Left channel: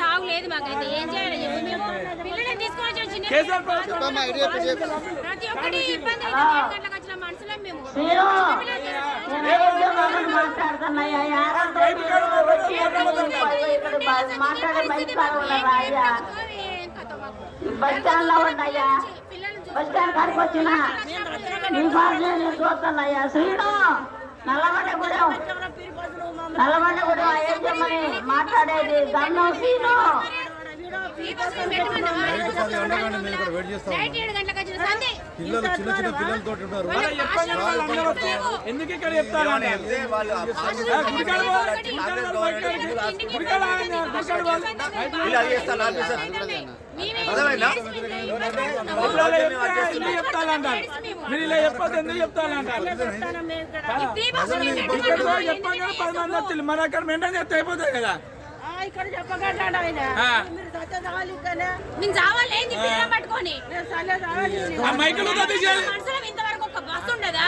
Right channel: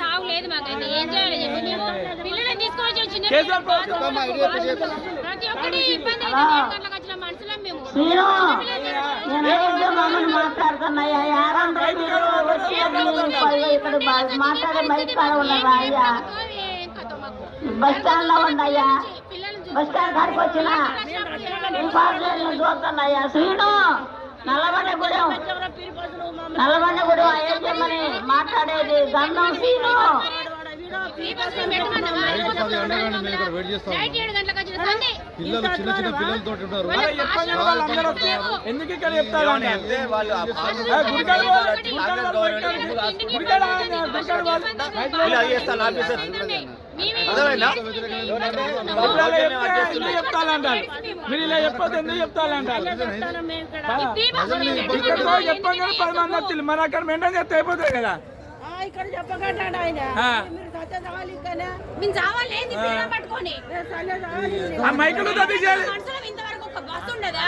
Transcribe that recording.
తాగులేదు మాకైతే ఏం చేయాలి చెప్పి మేము పిల్లలని తీసుకొని వచ్చిన ప్రతి ఒక్కటి ఇబ్బంది అయితే 7 గంటలకు వచ్చిన మనుషులం మేము బస్ స్టాండ్ లో ఉన్నాయా బస్ స్టాండ్ కాడికి వచ్చిన చూస్తున్నాయా శ్రీను నల్లబండగూడెం అయ్యమ్మని మాట్లాడేది గన్నం శ్రీను పిల్లలు చిన్న చిన్న పిల్లలతో ఉన్నారు మీరు ఇలా చెప్పదు ఎందుకు చెప్తానంటారు మన అక్కడ మెయింటైన్ చేస్తే అయిపోతుంది కదా ఇక్కడ చెప్పకండి పట్టుకొని ఇంతవరకు ఒక బస్సు ఉండదా